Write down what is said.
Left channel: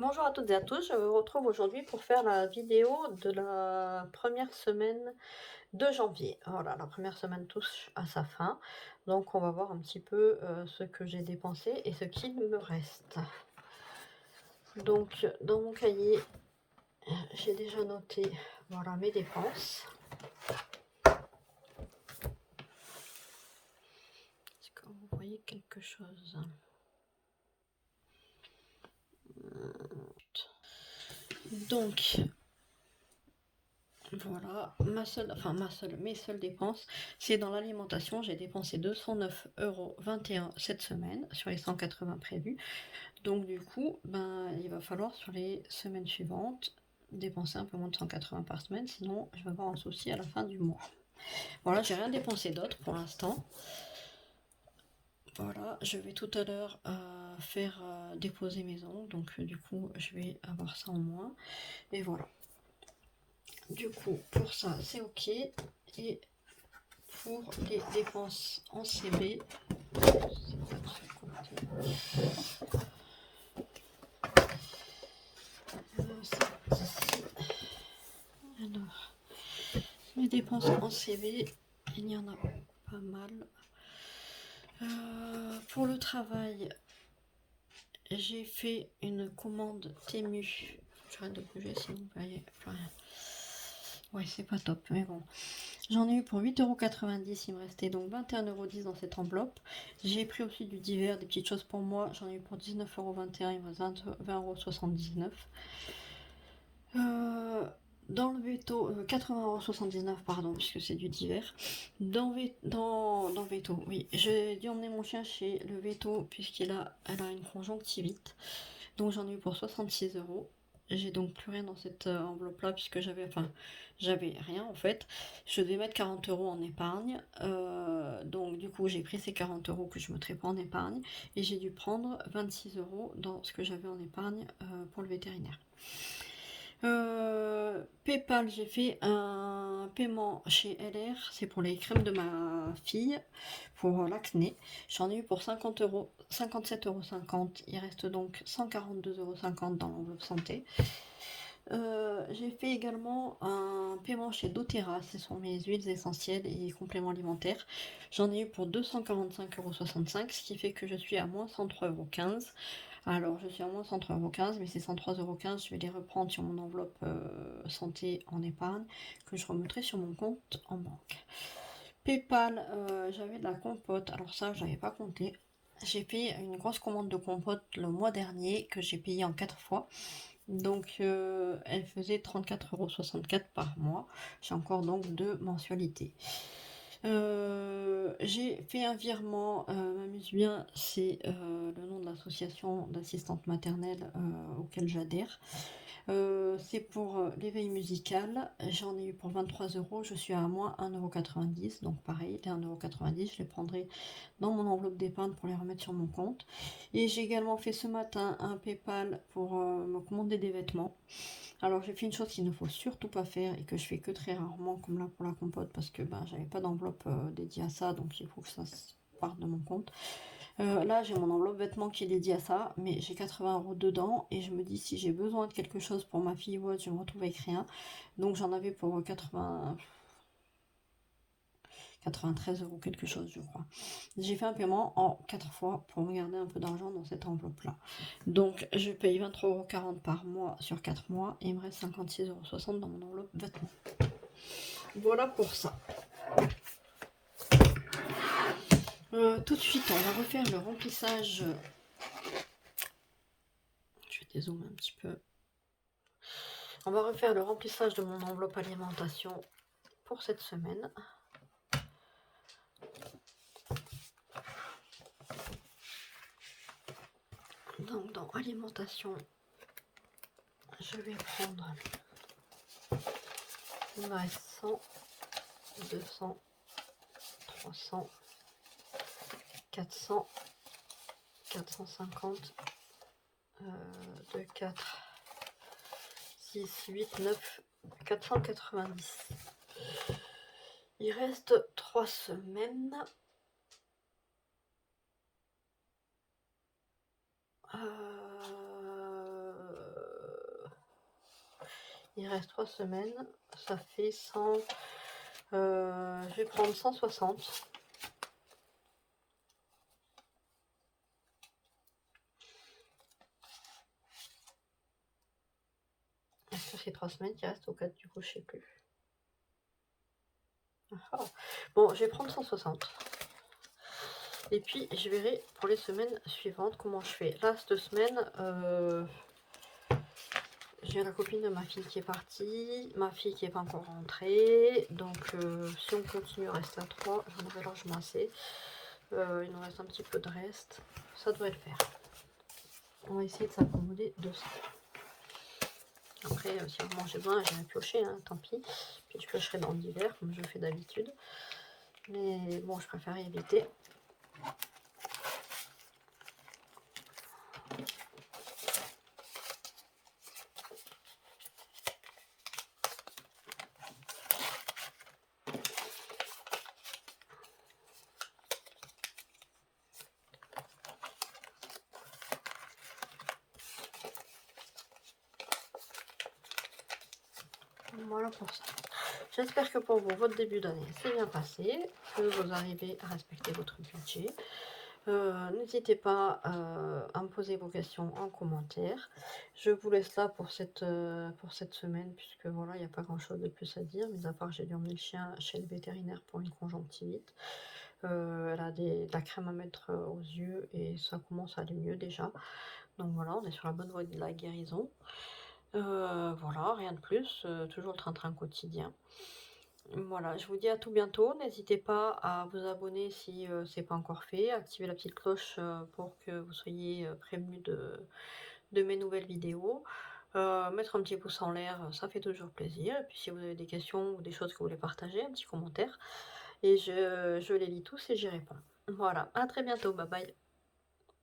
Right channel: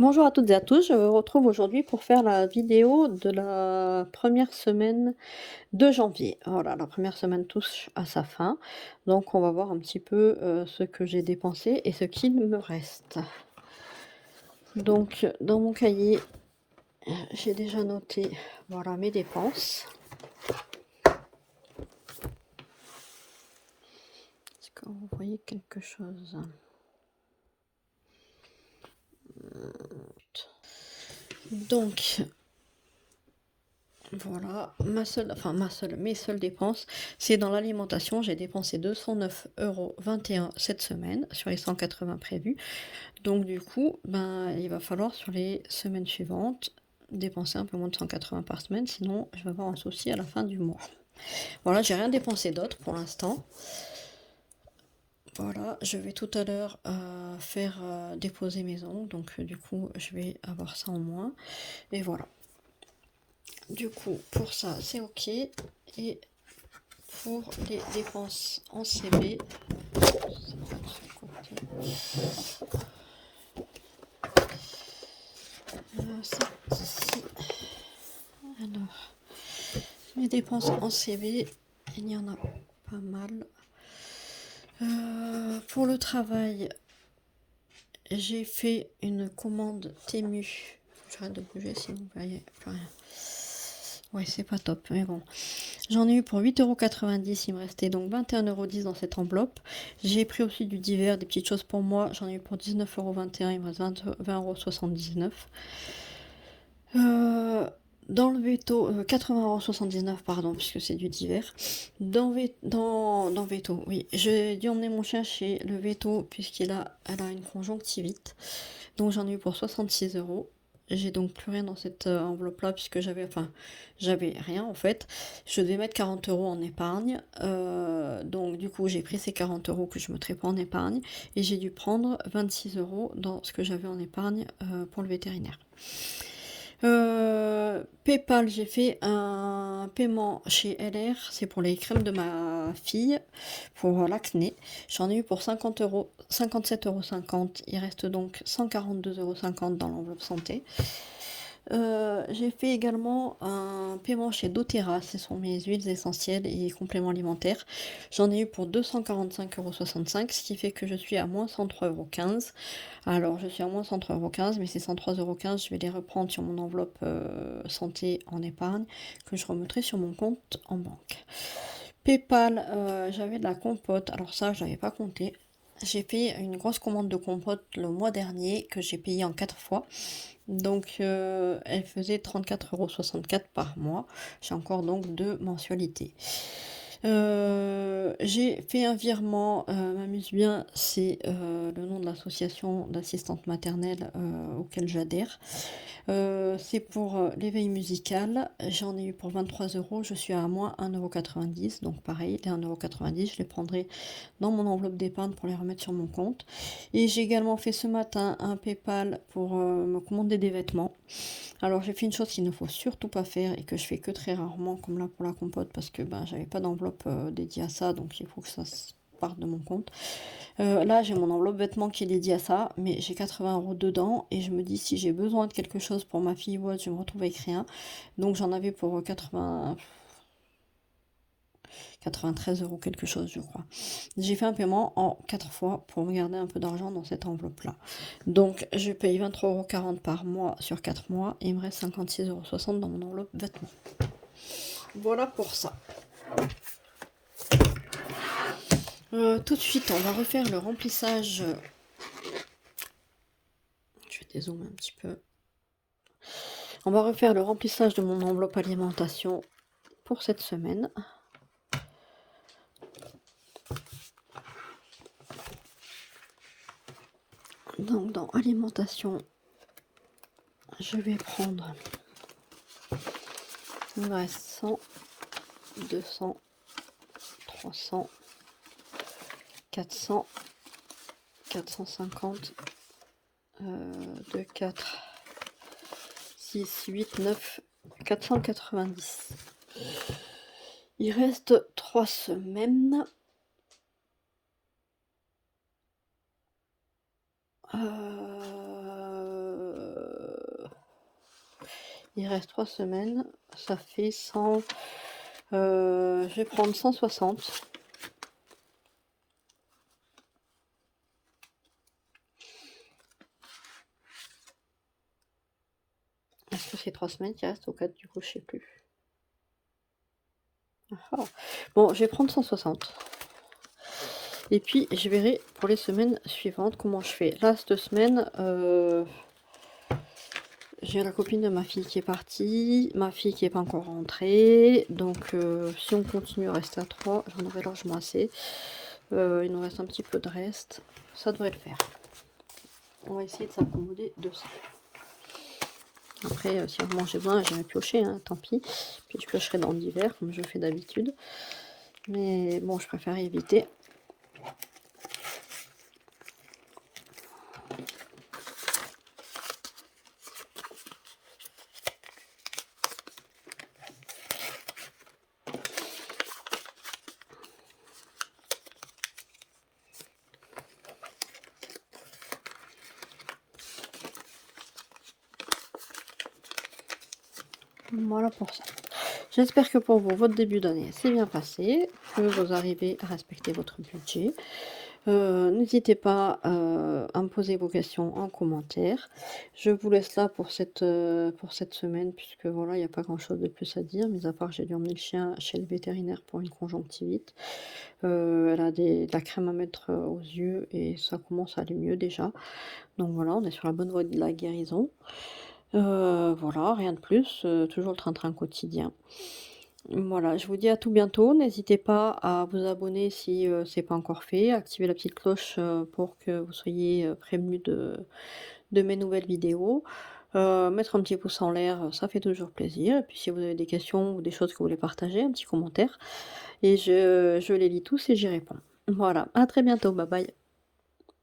Bonjour à toutes et à tous, je vous retrouve aujourd'hui pour faire la vidéo de la première semaine de janvier. Voilà, la première semaine touche à sa fin, donc on va voir un petit peu ce que j'ai dépensé et ce qu'il me reste. Donc dans mon cahier, j'ai déjà noté voilà, mes dépenses. Est-ce que vous voyez quelque chose? Donc voilà, mes seules dépenses, c'est dans l'alimentation. J'ai dépensé 209,21 € cette semaine sur les 180 prévus. Donc du coup, ben, il va falloir sur les semaines suivantes dépenser un peu moins de 180 par semaine, sinon je vais avoir un souci à la fin du mois. Voilà, j'ai rien dépensé d'autre pour l'instant. Voilà, je vais tout à l'heure faire déposer mes ongles, donc du coup je vais avoir ça en moins. Et voilà. Du coup, pour ça, c'est ok. Et pour les dépenses en CB, c'est ici. Alors, les dépenses en CB, il y en a pas mal. Pour le travail, j'ai fait une commande Temu. J'arrête de bouger sinon vous voyez plus rien. Ouais, c'est pas top, mais bon. J'en ai eu pour 8,90 €, il me restait donc 21,10 € dans cette enveloppe. J'ai pris aussi du divers, des petites choses pour moi. J'en ai eu pour 19,21 €, il me reste 20,79 €. Dans le veto, 80,79 € pardon, puisque c'est du divers. Dans veto, oui, j'ai dû emmener mon chien chez le veto puisqu'elle a une conjonctivite. Donc j'en ai eu pour 66 €. J'ai donc plus rien dans cette enveloppe-là puisque j'avais rien en fait. Je devais mettre 40 € en épargne. Donc du coup j'ai pris ces 40 € que je ne mettrais pas en épargne et j'ai dû prendre 26 € dans ce que j'avais en épargne pour le vétérinaire. PayPal, j'ai fait un paiement chez LR, c'est pour les crèmes de ma fille, pour l'acné. J'en ai eu pour 50 €, 57,50 €. Il reste donc 142,50 € dans l'enveloppe santé. J'ai fait également un paiement chez doTERRA, ce sont mes huiles essentielles et compléments alimentaires. J'en ai eu pour 245,65 €, ce qui fait que je suis à moins 103,15 €. Alors je suis à moins 103,15 €, mais ces 103,15 €, je vais les reprendre sur mon enveloppe santé en épargne, que je remettrai sur mon compte en banque. PayPal, j'avais de la compote, alors ça je n'avais pas compté. J'ai fait une grosse commande de compote le mois dernier, que j'ai payé en 4 fois. Donc elle faisait 34,64 € par mois. J'ai encore donc 2 mensualités. J'ai fait un virement, M'amuse bien, c'est le nom de l'association d'assistantes maternelles auquel j'adhère. C'est pour l'éveil musical. J'en ai eu pour 23 €. Je suis à moins 1,90 €. Donc pareil, les 1,90 €, je les prendrai dans mon enveloppe d'épargne pour les remettre sur mon compte. Et j'ai également fait ce matin un PayPal pour me commander des vêtements. Alors j'ai fait une chose qu'il ne faut surtout pas faire et que je fais que très rarement, comme là pour la compote, parce que ben, j'avais pas d'enveloppe dédiée à ça, donc il faut que ça parte de mon compte. Là j'ai mon enveloppe vêtements qui est dédiée à ça, mais j'ai 80 € dedans et je me dis si j'ai besoin de quelque chose pour ma fille ou autre, je me retrouve avec rien. Donc j'en avais pour 93 € quelque chose, je crois. J'ai fait un paiement en 4 fois pour me garder un peu d'argent dans cette enveloppe-là. Donc, je paye 23,40 € par mois sur 4 mois et il me reste 56,60 € dans mon enveloppe vêtements. Voilà pour ça. Tout de suite, on va refaire le remplissage. Je vais dézoomer un petit peu. On va refaire le remplissage de mon enveloppe alimentation pour cette semaine. Donc, dans alimentation, je vais prendre, il me reste 100, 200, 300, 400, 450, 2, 4, 6, 8, 9, 490. Il reste 3 semaines. Il reste 3 semaines, ça fait 100. Je vais prendre 160. Est-ce que c'est 3 semaines qui restent ou 4 du coup, je sais plus. Ah. Bon, je vais prendre 160. Et puis, je verrai pour les semaines suivantes comment je fais. Là, cette semaine, j'ai la copine de ma fille qui est partie, ma fille qui n'est pas encore rentrée. Donc, si on continue, on reste à 3. J'en aurai largement assez. Il nous reste un petit peu de reste. Ça devrait le faire. On va essayer de s'accommoder de ça. Après, si vraiment j'ai besoin, j'irai piocher, hein, tant pis. Puis je piocherai dans l'hiver, comme je fais d'habitude. Mais bon, je préfère éviter. Voilà pour ça. J'espère que pour vous, votre début d'année s'est bien passé, que vous arrivez à respecter votre budget. N'hésitez pas à me poser vos questions en commentaire. Je vous laisse là pour cette semaine, puisque voilà, il n'y a pas grand-chose de plus à dire, mis à part que j'ai dû emmener le chien chez le vétérinaire pour une conjonctivite. Elle a de la crème à mettre aux yeux et ça commence à aller mieux déjà. Donc voilà, on est sur la bonne voie de la guérison. Voilà, rien de plus, toujours le train-train quotidien. Voilà, je vous dis à tout bientôt. N'hésitez pas à vous abonner si c'est pas encore fait, activer la petite cloche pour que vous soyez prévenus de mes nouvelles vidéos. Mettre un petit pouce en l'air, ça fait toujours plaisir. Et puis si vous avez des questions ou des choses que vous voulez partager, un petit commentaire. Et je les lis tous et j'y réponds. Voilà, à très bientôt, bye bye.